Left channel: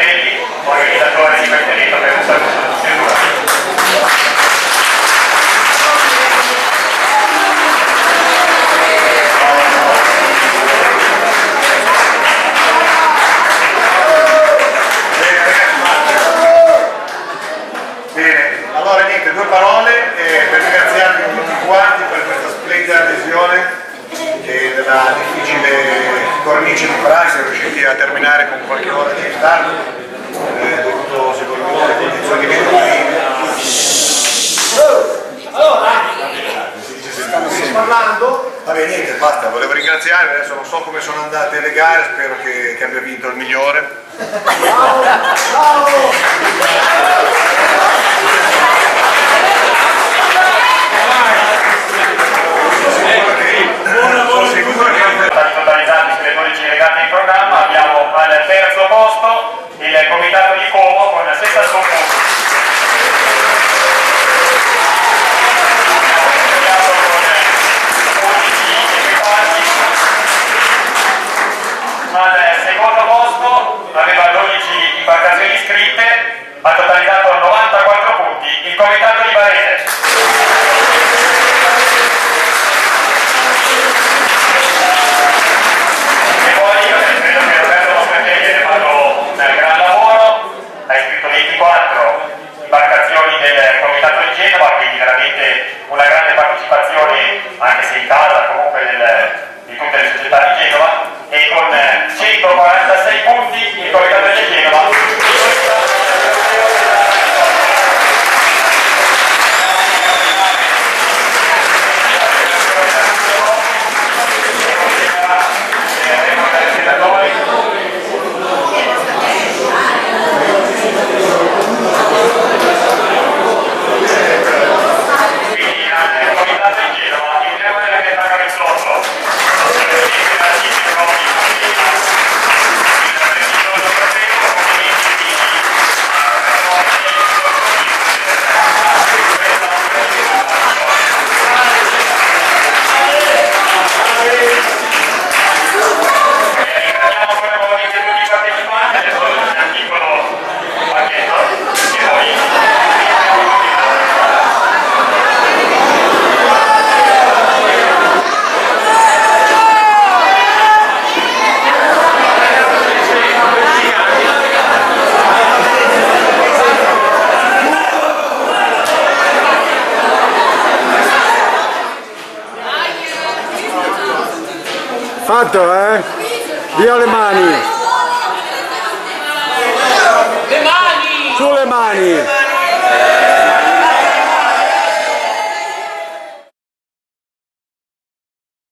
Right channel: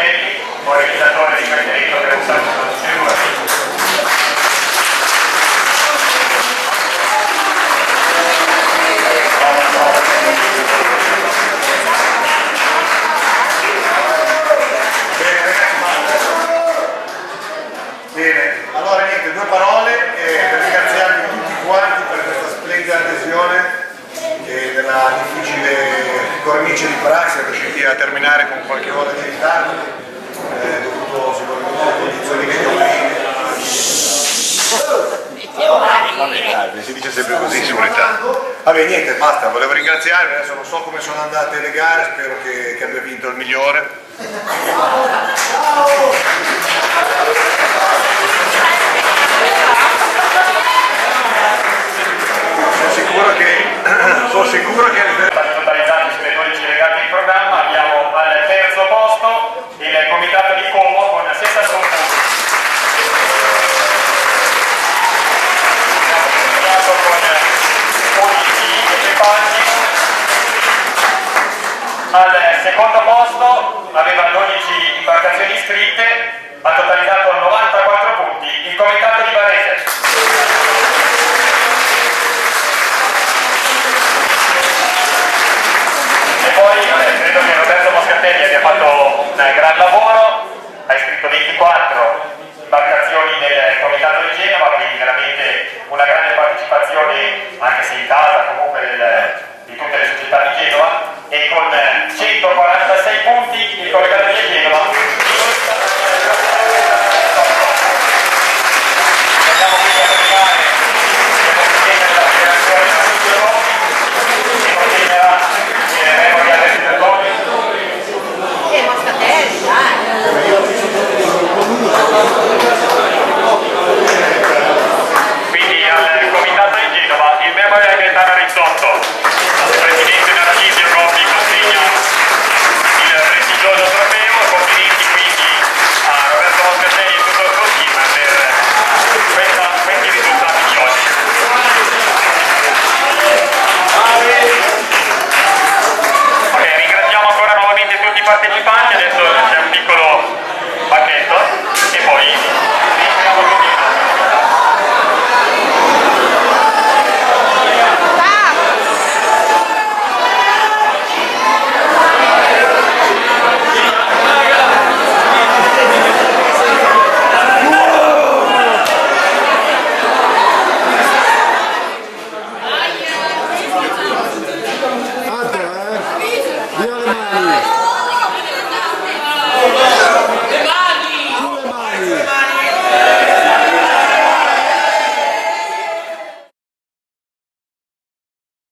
Martelli, organizzatore di questo evento, per un saluto a tutti e due. Bene, allora niente, due parole per ringraziarvi tutti quanti per questa splendida adesione che nella difficile cornice di Praga siamo riusciti a terminare con qualche ora di ritardo, dovuto sicuramente alle condizioni meteorologiche. Si dice sempre così, vabbè niente, basta, volevo ringraziarvi, adesso non so come sono andate le gare, spero che abbia vinto il migliore. Sono sicuro che stati totalizzati sulle 12 regate in programma. Abbiamo al terzo posto il comitato di Como con 61 punti. Abbiamo con 11 equipaggi. Al secondo posto aveva 12 imbarcazioni iscritte, ha totalizzato 94 punti il comitato di Varese. E poi credo che Roberto Moscatelli abbia fatto un gran lavoro, ha iscritto 24 imbarcazioni del comitato di Genova, quindi veramente una grande partecipazione, anche se in casa comunque di tutte le società di Genova, e con 146 punti il comitato di Genova. Fatto, via le mani!